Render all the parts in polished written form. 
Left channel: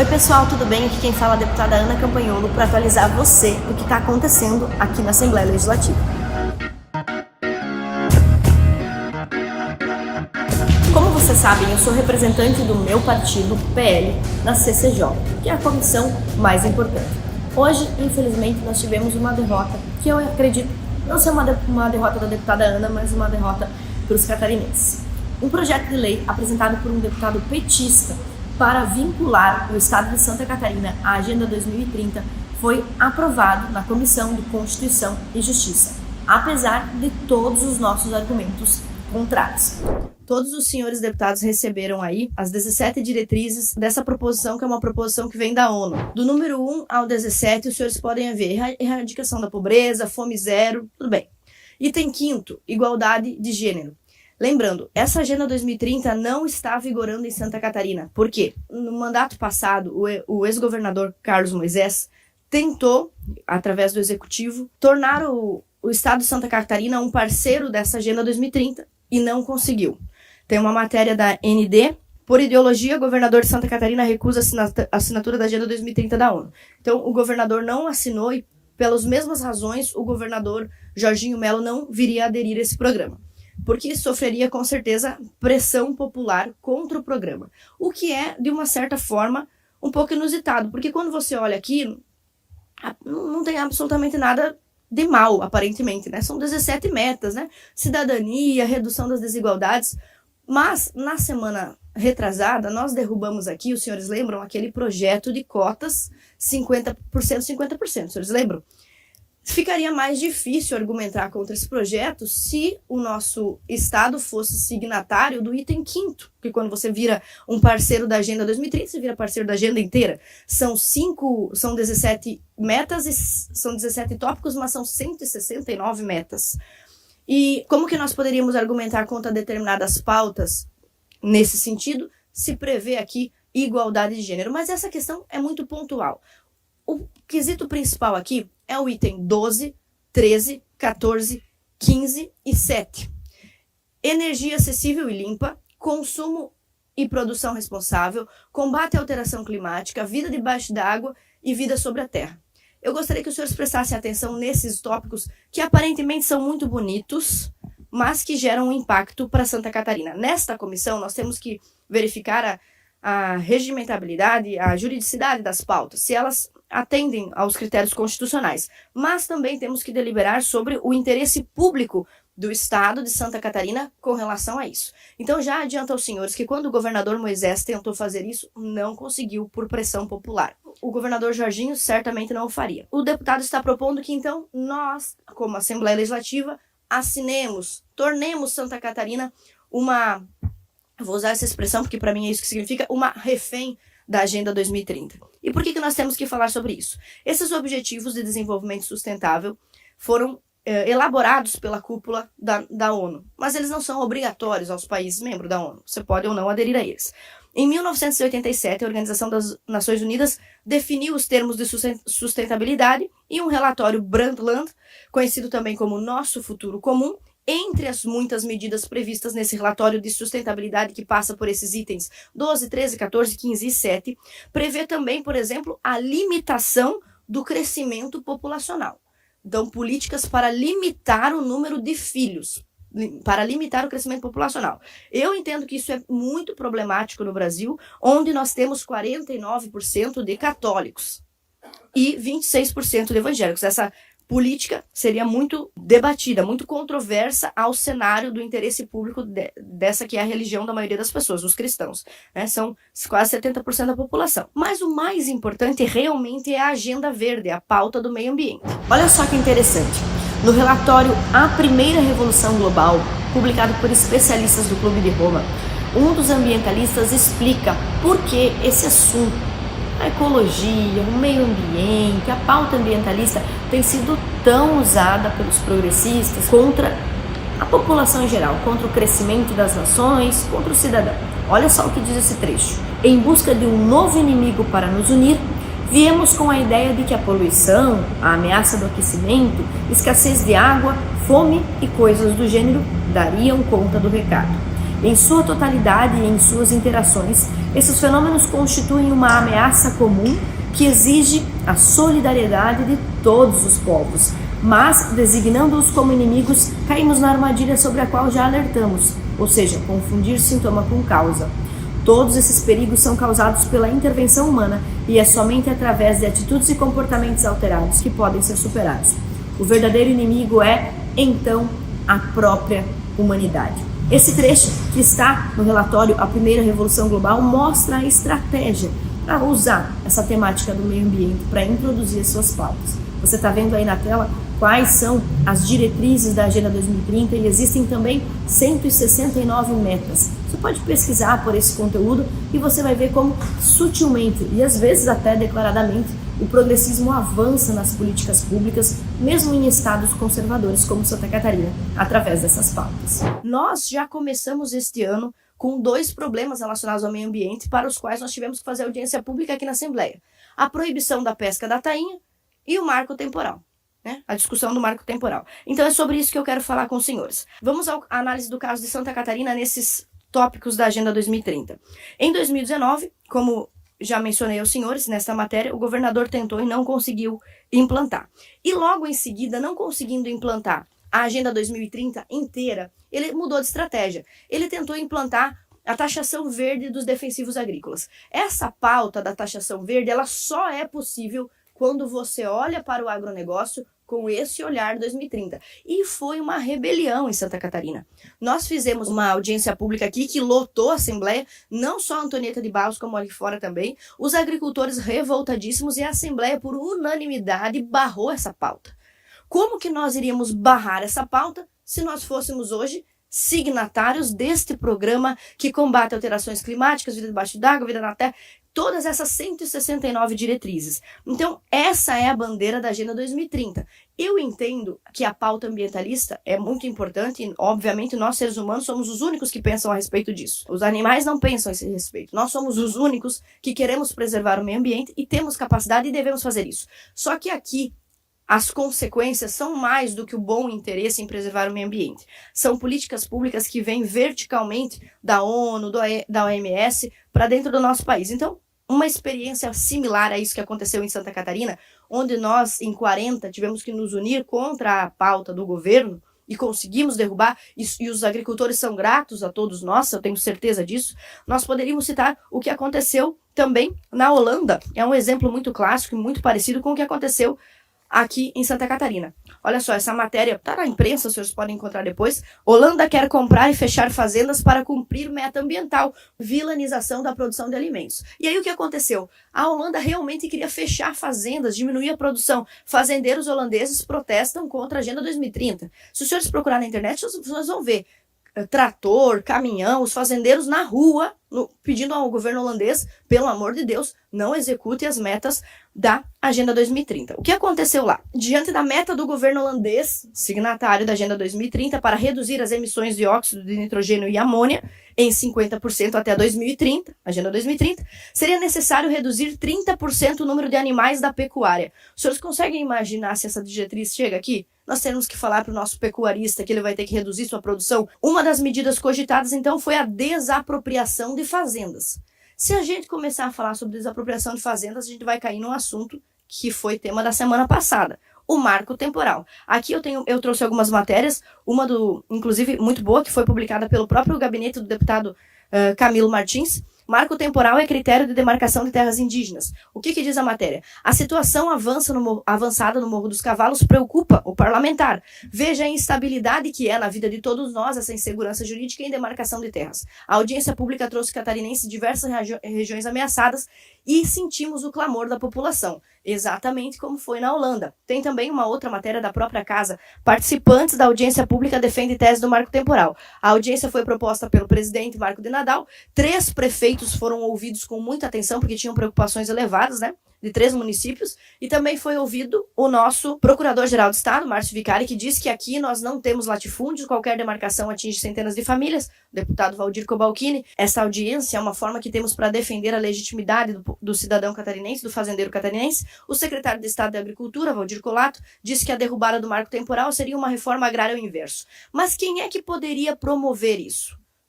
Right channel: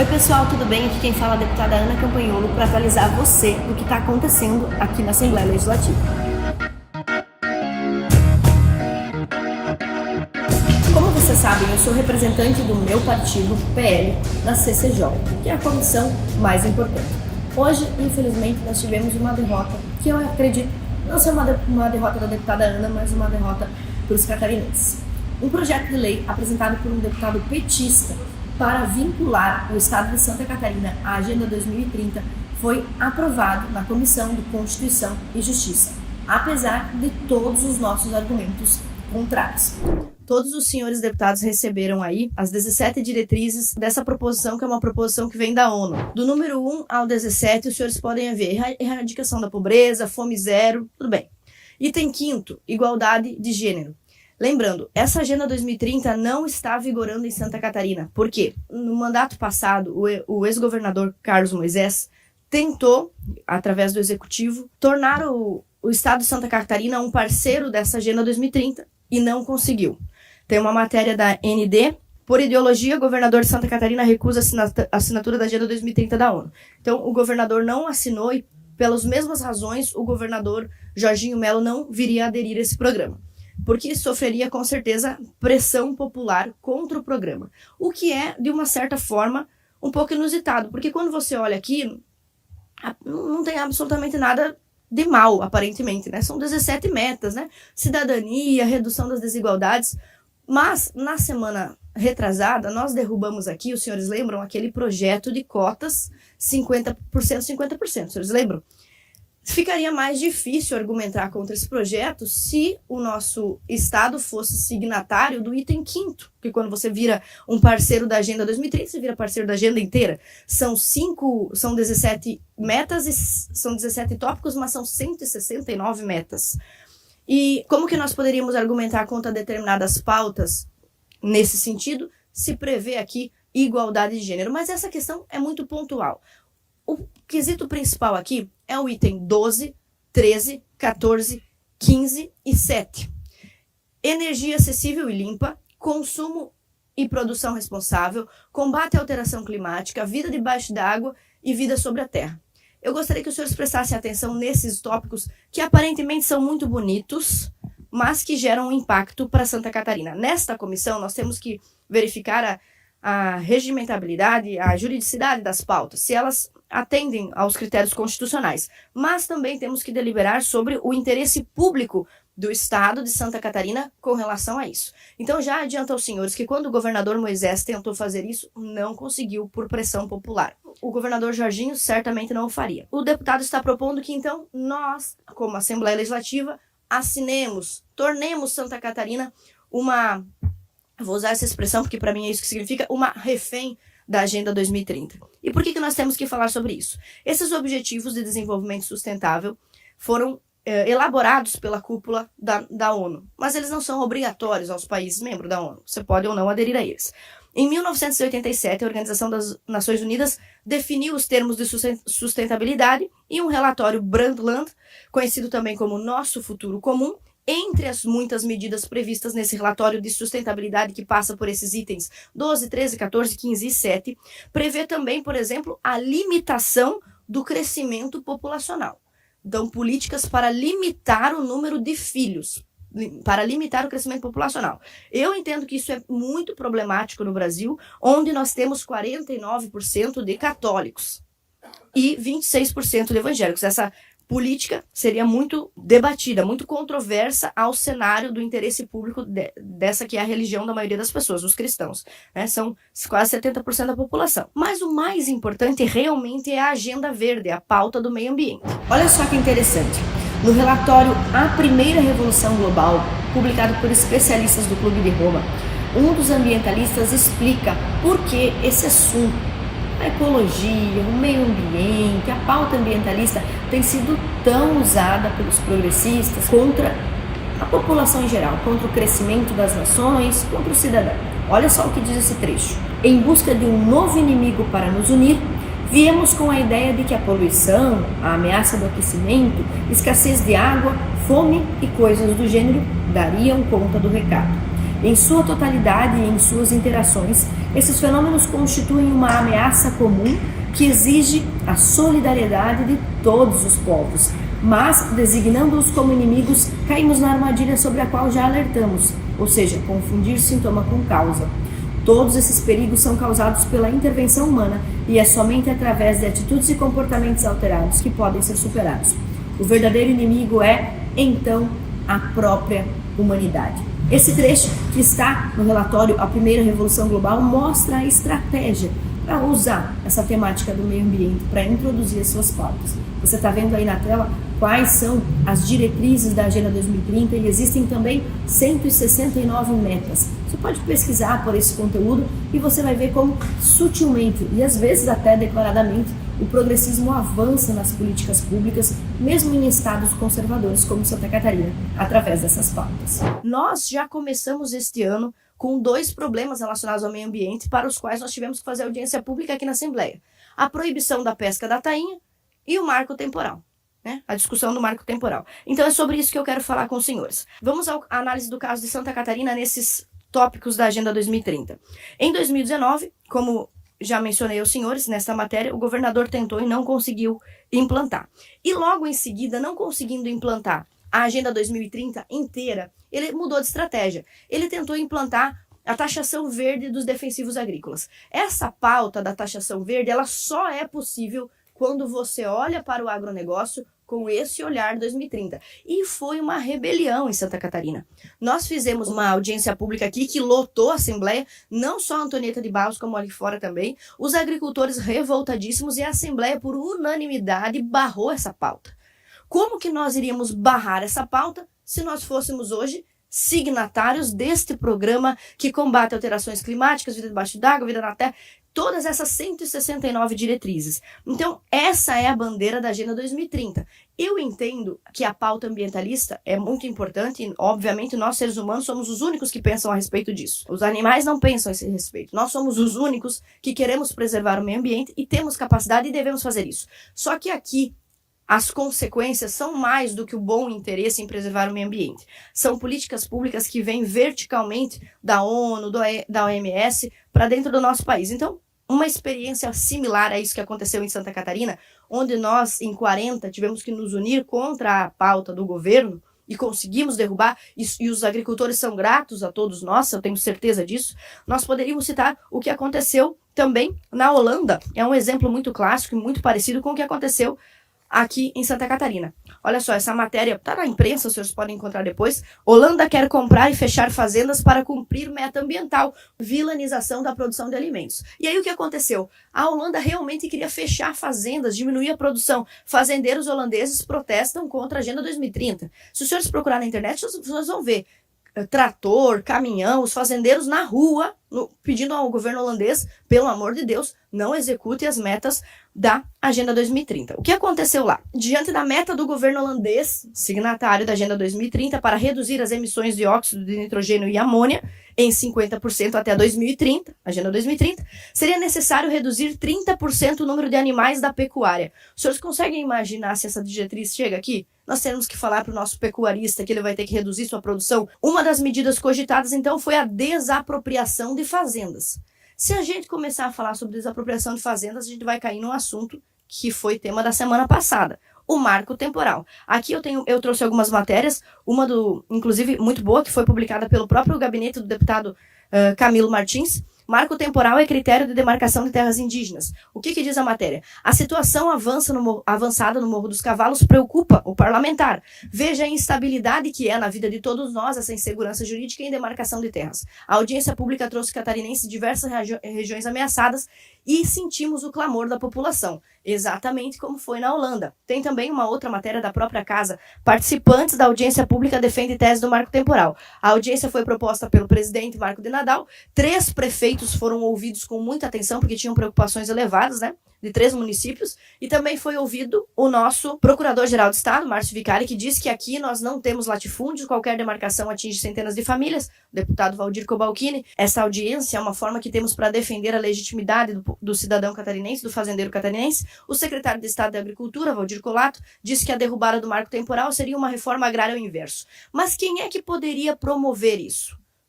Oi pessoal, tudo bem? Aqui quem fala é a deputada Ana Campanholo para atualizar você do que está acontecendo aqui na Assembleia Legislativa. Como vocês sabem, eu sou representante do meu partido, PL, na CCJ, que é a comissão mais importante. Hoje, infelizmente, nós tivemos uma derrota, que eu acredito não ser uma derrota da deputada Ana, mas uma derrota para os catarinenses. Um projeto de lei apresentado por um deputado petista para vincular o Estado de Santa Catarina à Agenda 2030 foi aprovado na Comissão de Constituição e Justiça, apesar de todos os nossos argumentos contrários. Todos os senhores deputados receberam aí as 17 diretrizes dessa proposição, que é uma proposição que vem da ONU. Do número 1 ao 17, os senhores podem ver erradicação da pobreza, fome zero, tudo bem. Item 5º, igualdade de gênero. Lembrando, essa Agenda 2030 não está vigorando em Santa Catarina. Por quê? No mandato passado, o ex-governador Carlos Moisés tentou, através do Executivo, tornar o Estado de Santa Catarina um parceiro dessa Agenda 2030 e não conseguiu. Tem uma matéria da ND. Por ideologia, o governador de Santa Catarina recusa a assinatura da Agenda 2030 da ONU. Então, o governador não assinou e, pelas mesmas razões, o governador Jorginho Melo não viria a aderir a esse programa, porque sofreria, com certeza, pressão popular contra o programa. O que é, de uma certa forma, um pouco inusitado, porque quando você olha aqui, não tem absolutamente nada de mal, aparentemente, né? São 17 metas, né? Cidadania, redução das desigualdades. Mas, na semana retrasada, nós derrubamos aqui, os senhores lembram, aquele projeto de cotas 50%, 50%, os senhores lembram? Ficaria mais difícil argumentar contra esse projeto se o nosso Estado fosse signatário do item 5º, que quando você vira um parceiro da Agenda 2030, você vira parceiro da agenda inteira. São 17 metas e são 17 tópicos, mas são 169 metas. E como que nós poderíamos argumentar contra determinadas pautas nesse sentido, se prevê aqui igualdade de gênero? Mas essa questão é muito pontual. O quesito principal aqui é o item 12, 13, 14, 15 e 7. Energia acessível e limpa, consumo e produção responsável, combate à alteração climática, vida debaixo d'água e vida sobre a terra. Eu gostaria que os senhores prestassem atenção nesses tópicos que aparentemente são muito bonitos, mas que geram um impacto para Santa Catarina. Nesta comissão, nós temos que verificar a regimentabilidade, a juridicidade das pautas, se elas atendem aos critérios constitucionais. Mas também temos que deliberar sobre o interesse público do Estado de Santa Catarina com relação a isso. Então já adianto aos senhores que quando o governador Moisés tentou fazer isso, não conseguiu por pressão popular. O governador Jorginho certamente não o faria. O deputado está propondo que então nós, como Assembleia Legislativa, assinemos, tornemos Santa Catarina uma, vou usar essa expressão porque para mim é isso que significa, uma refém da Agenda 2030. E por que nós temos que falar sobre isso? Esses objetivos de desenvolvimento sustentável foram elaborados pela cúpula da ONU, mas eles não são obrigatórios aos países membros da ONU. Você pode ou não aderir a eles. Em 1987, a Organização das Nações Unidas definiu os termos de sustentabilidade e um relatório Brundtland, conhecido também como Nosso Futuro Comum, entre as muitas medidas previstas nesse relatório de sustentabilidade que passa por esses itens 12, 13, 14, 15 e 7, prevê também, por exemplo, a limitação do crescimento populacional. Então, políticas para limitar o número de filhos, para limitar o crescimento populacional. Eu entendo que isso é muito problemático no Brasil, onde nós temos 49% de católicos e 26% de evangélicos. Essa política seria muito debatida, muito controversa ao cenário do interesse público dessa que é a religião da maioria das pessoas, os cristãos, né? São quase 70% da população. Mas o mais importante realmente é a agenda verde, a pauta do meio ambiente. Olha só que interessante. No relatório A Primeira Revolução Global, publicado por especialistas do Clube de Roma, um dos ambientalistas explica por que esse assunto, a ecologia, o meio ambiente, a pauta ambientalista tem sido tão usada pelos progressistas contra a população em geral, contra o crescimento das nações, contra o cidadão. Olha só o que diz esse trecho. Em busca de um novo inimigo para nos unir, viemos com a ideia de que a poluição, a ameaça do aquecimento, escassez de água, fome e coisas do gênero dariam conta do recado. Em sua totalidade e em suas interações, esses fenômenos constituem uma ameaça comum que exige a solidariedade de todos os povos, mas, designando-os como inimigos, caímos na armadilha sobre a qual já alertamos, ou seja, confundir sintoma com causa. Todos esses perigos são causados pela intervenção humana e é somente através de atitudes e comportamentos alterados que podem ser superados. O verdadeiro inimigo é, então, a própria humanidade. Esse trecho que está no relatório A Primeira Revolução Global mostra a estratégia para usar essa temática do meio ambiente para introduzir as suas pautas. Você está vendo aí na tela quais são as diretrizes da Agenda 2030 e existem também 169 metas. Você pode pesquisar por esse conteúdo e você vai ver como sutilmente e às vezes até declaradamente o progressismo avança nas políticas públicas, mesmo em estados conservadores como Santa Catarina, através dessas pautas. Nós já começamos este ano com 2 problemas relacionados ao meio ambiente para os quais nós tivemos que fazer audiência pública aqui na Assembleia. A proibição da pesca da tainha e o marco temporal, né? A discussão do marco temporal. Então é sobre isso que eu quero falar com os senhores. Vamos à análise do caso de Santa Catarina nesses tópicos da Agenda 2030. Em 2019, como já mencionei aos senhores nesta matéria, o governador tentou e não conseguiu implantar. E logo em seguida, não conseguindo implantar a Agenda 2030 inteira, ele mudou de estratégia. Ele tentou implantar a taxação verde dos defensivos agrícolas. Essa pauta da taxação verde, ela só é possível quando você olha para o agronegócio com esse olhar 2030. E foi uma rebelião em Santa Catarina. Nós fizemos uma audiência pública aqui que lotou a Assembleia, não só a Antonieta de Barros, como ali fora também, os agricultores revoltadíssimos e a Assembleia, por unanimidade, barrou essa pauta. Como que nós iríamos barrar essa pauta se nós fôssemos hoje signatários deste programa que combate alterações climáticas, vida debaixo d'água, vida na terra, todas essas 169 diretrizes. Então, essa é a bandeira da Agenda 2030. Eu entendo que a pauta ambientalista é muito importante e, obviamente, nós, seres humanos, somos os únicos que pensam a respeito disso. Os animais não pensam a esse respeito. Nós somos os únicos que queremos preservar o meio ambiente e temos capacidade e devemos fazer isso. Só que aqui, as consequências são mais do que o bom interesse em preservar o meio ambiente. São políticas públicas que vêm verticalmente da ONU, da OMS, para dentro do nosso país. Então, uma experiência similar a isso que aconteceu em Santa Catarina, onde nós, em 40, tivemos que nos unir contra a pauta do governo e conseguimos derrubar, e os agricultores são gratos a todos nós, eu tenho certeza disso. Nós poderíamos citar o que aconteceu também na Holanda. É um exemplo muito clássico e muito parecido com o que aconteceu aqui em Santa Catarina. Olha só, essa matéria está na imprensa, os senhores podem encontrar depois. Holanda quer comprar e fechar fazendas para cumprir meta ambiental, vilanização da produção de alimentos. E aí o que aconteceu? A Holanda realmente queria fechar fazendas, diminuir a produção. Fazendeiros holandeses protestam contra a Agenda 2030. Se os senhores procurarem na internet, vocês vão ver trator, caminhão, os fazendeiros na rua, pedindo ao governo holandês, pelo amor de Deus, não execute as metas da Agenda 2030. O que aconteceu lá? Diante da meta do governo holandês, signatário da Agenda 2030, para reduzir as emissões de óxido de nitrogênio e amônia em 50% até 2030, Agenda 2030, seria necessário reduzir 30% o número de animais da pecuária. Os senhores conseguem imaginar se essa diretriz chega aqui? Nós temos que falar para o nosso pecuarista que ele vai ter que reduzir sua produção. Uma das medidas cogitadas, então, foi a desapropriação de fazendas. Se a gente começar a falar sobre desapropriação de fazendas, a gente vai cair num assunto que foi tema da semana passada, o marco temporal. Aqui eu trouxe algumas matérias, uma inclusive muito boa, que foi publicada pelo próprio gabinete do deputado Camilo Martins. Marco temporal é critério de demarcação de terras indígenas. O que diz a matéria? A situação avançada no Morro dos Cavalos preocupa o parlamentar. Veja a instabilidade que é na vida de todos nós essa insegurança jurídica em demarcação de terras. A audiência pública trouxe catarinenses de diversas regiões ameaçadas e sentimos o clamor da população, exatamente como foi na Holanda. Tem também uma outra matéria da própria casa. Participantes da audiência pública defendem tese do marco temporal. A audiência foi proposta pelo presidente Marco de Nadal. 3 prefeitos foram ouvidos com muita atenção, porque tinham preocupações elevadas, né? De 3 municípios, e também foi ouvido o nosso Procurador-Geral do Estado, Márcio Vicari, que diz que aqui nós não temos latifúndios, qualquer demarcação atinge centenas de famílias. O deputado Valdir Cobalcini, essa audiência é uma forma que temos para defender a legitimidade do cidadão catarinense, do fazendeiro catarinense. O secretário de Estado de Agricultura, Valdir Colato, disse que a derrubada do marco temporal seria uma reforma agrária ao inverso. Mas quem é que poderia promover isso?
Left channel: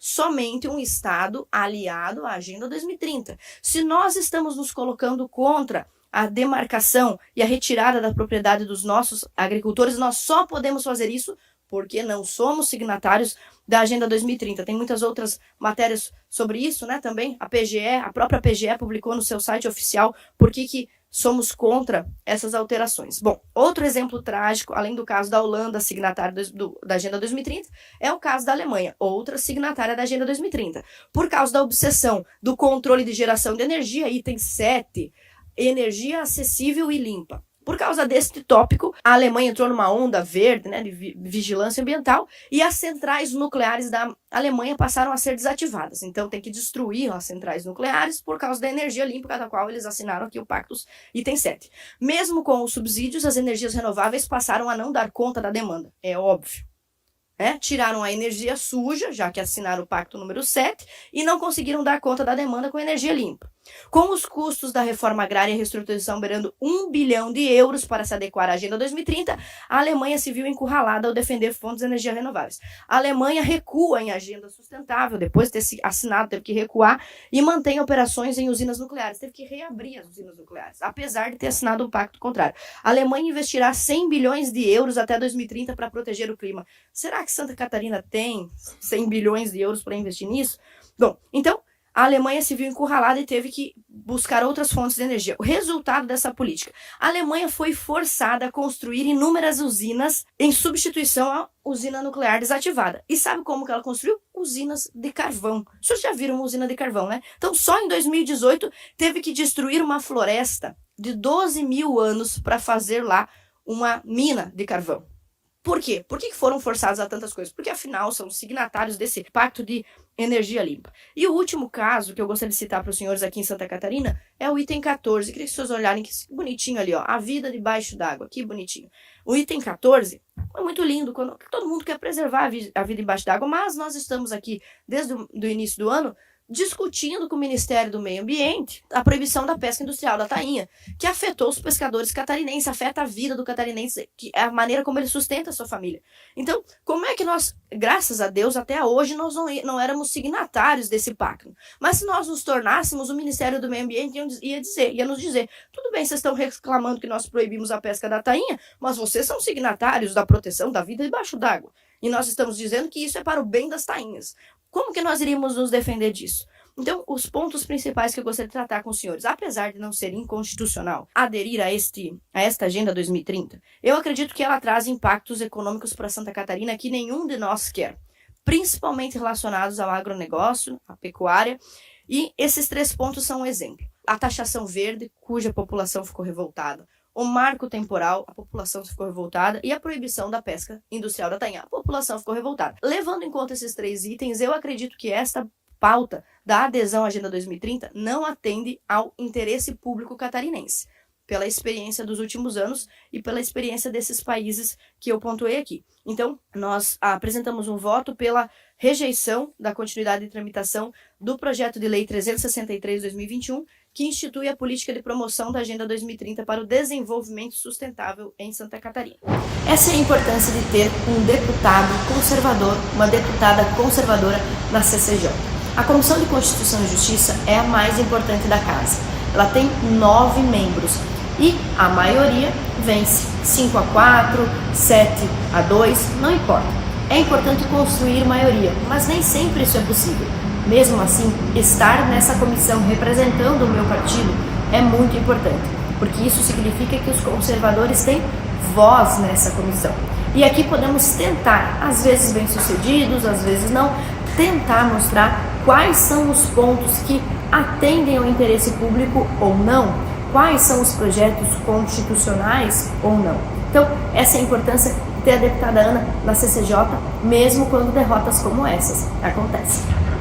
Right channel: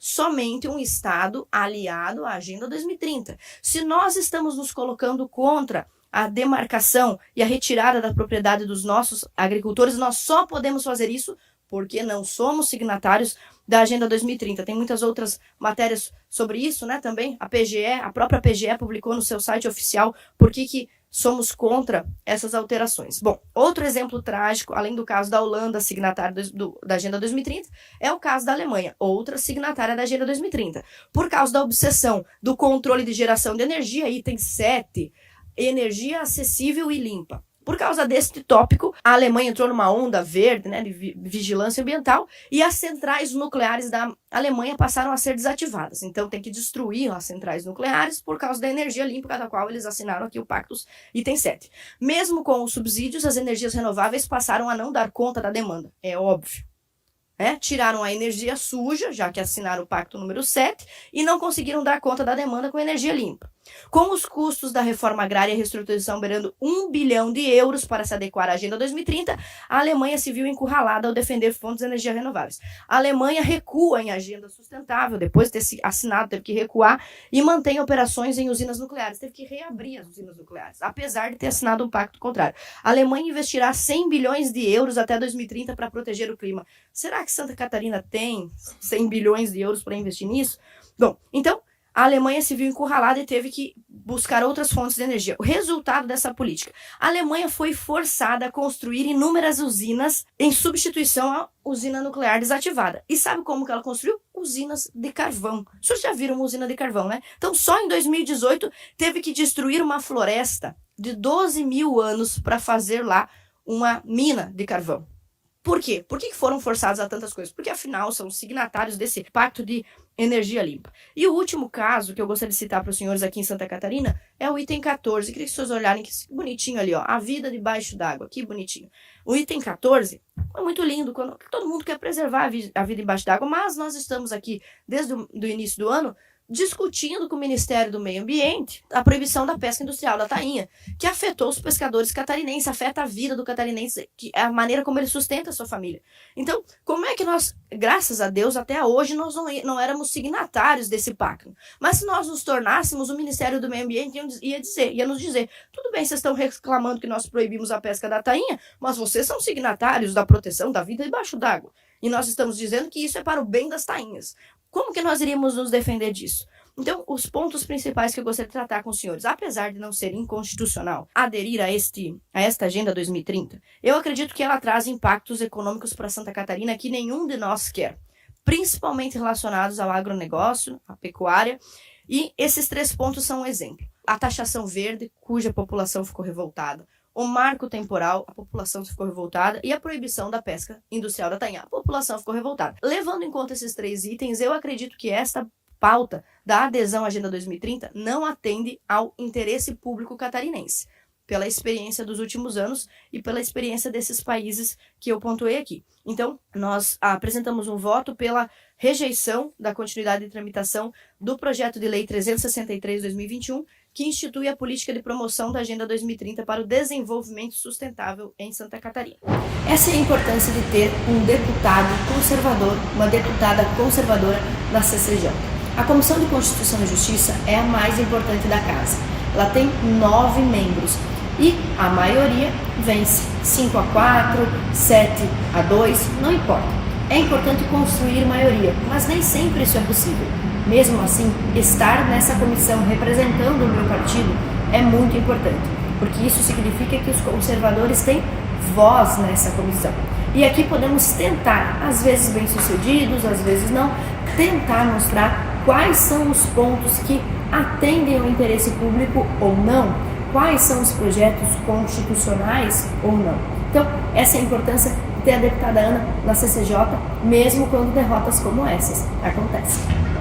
somente um Estado aliado à Agenda 2030. Se nós estamos nos colocando contra a demarcação e a retirada da propriedade dos nossos agricultores, nós só podemos fazer isso porque não somos signatários da Agenda 2030. Tem muitas outras matérias sobre isso, né, também. A própria PGE publicou no seu site oficial por que somos contra essas alterações. Bom, outro exemplo trágico, além do caso da Holanda, signatária da Agenda 2030, é o caso da Alemanha, outra signatária da Agenda 2030. Por causa da obsessão do controle de geração de energia, item 7, energia acessível e limpa. Por causa deste tópico, a Alemanha entrou numa onda verde, né, de vigilância ambiental, e as centrais nucleares da Alemanha passaram a ser desativadas. Então tem que destruir as centrais nucleares por causa da energia limpa, da qual eles assinaram aqui o Pacto item 7. Mesmo com os subsídios, as energias renováveis passaram a não dar conta da demanda. É óbvio. Tiraram a energia suja, já que assinaram o Pacto número 7, e não conseguiram dar conta da demanda com energia limpa. Com os custos da reforma agrária e reestruturação beirando 1 bilhão de euros para se adequar à Agenda 2030, a Alemanha se viu encurralada ao defender fontes de energia renováveis. A Alemanha recua em agenda sustentável, depois de ter assinado, teve que recuar, e mantém operações em usinas nucleares. Teve que reabrir as usinas nucleares, apesar de ter assinado um pacto contrário. A Alemanha investirá 100 bilhões de euros até 2030 para proteger o clima. Será que Santa Catarina tem 100 bilhões de euros para investir nisso? Bom, então, a Alemanha se viu encurralada e teve que buscar outras fontes de energia. O resultado dessa política: a Alemanha foi forçada a construir inúmeras usinas em substituição à usina nuclear desativada. E sabe como que ela construiu? Usinas de carvão. Vocês já viram uma usina de carvão, né? Então, só em 2018, teve que destruir uma floresta de 12 mil anos para fazer lá uma mina de carvão. Por quê? Por que foram forçados a tantas coisas? Porque, afinal, são signatários desse pacto de energia limpa. E o último caso que eu gostaria de citar para os senhores aqui em Santa Catarina é o item 14. Queria que vocês olharem que bonitinho ali, ó, a vida debaixo d'água, que bonitinho. O item 14 é muito lindo, quando todo mundo quer preservar a vida debaixo d'água, mas nós estamos aqui, desde o início do ano, discutindo com o Ministério do Meio Ambiente a proibição da pesca industrial da tainha, que afetou os pescadores catarinenses, afeta a vida do catarinense, que é a maneira como ele sustenta a sua família. Então, como é que nós, graças a Deus, até hoje, nós não éramos signatários desse pacto? Mas se nós nos tornássemos, o Ministério do Meio Ambiente ia nos dizer, tudo bem, vocês estão reclamando que nós proibimos a pesca da tainha, mas vocês são signatários da proteção da vida debaixo d'água. E nós estamos dizendo que isso é para o bem das tainhas. Como que nós iríamos nos defender disso? Então, os pontos principais que eu gostaria de tratar com os senhores, apesar de não ser inconstitucional aderir a esta Agenda 2030, eu acredito que ela traz impactos econômicos para Santa Catarina que nenhum de nós quer, principalmente relacionados ao agronegócio, à pecuária, e esses 3 pontos são um exemplo. A taxação verde, cuja população ficou revoltada, o marco temporal, a população ficou revoltada, e a proibição da pesca industrial da tainha, a população ficou revoltada. Levando em conta esses 3 itens, eu acredito que esta pauta da adesão à Agenda 2030 não atende ao interesse público catarinense, pela experiência dos últimos anos e pela experiência desses países que eu pontuei aqui. Então, nós apresentamos um voto pela rejeição da continuidade de tramitação do projeto de lei 363/2021, que institui a política de promoção da Agenda 2030 para o desenvolvimento sustentável em Santa Catarina. Essa é a importância de ter um deputado conservador, uma deputada conservadora na CCJ. A Comissão de Constituição e Justiça é a mais importante da casa. Ela tem 9 membros e a maioria vence 5-4, 7-2, não importa. É importante construir maioria, mas nem sempre isso é possível. Mesmo assim, estar nessa comissão representando o meu partido é muito importante, porque isso significa que os conservadores têm voz nessa comissão. E aqui podemos tentar, às vezes bem-sucedidos, às vezes não, tentar mostrar quais são os pontos que atendem ao interesse público ou não, quais são os projetos constitucionais ou não. Então, essa é a importância de ter a deputada Ana na CCJ, mesmo quando derrotas como essas acontecem.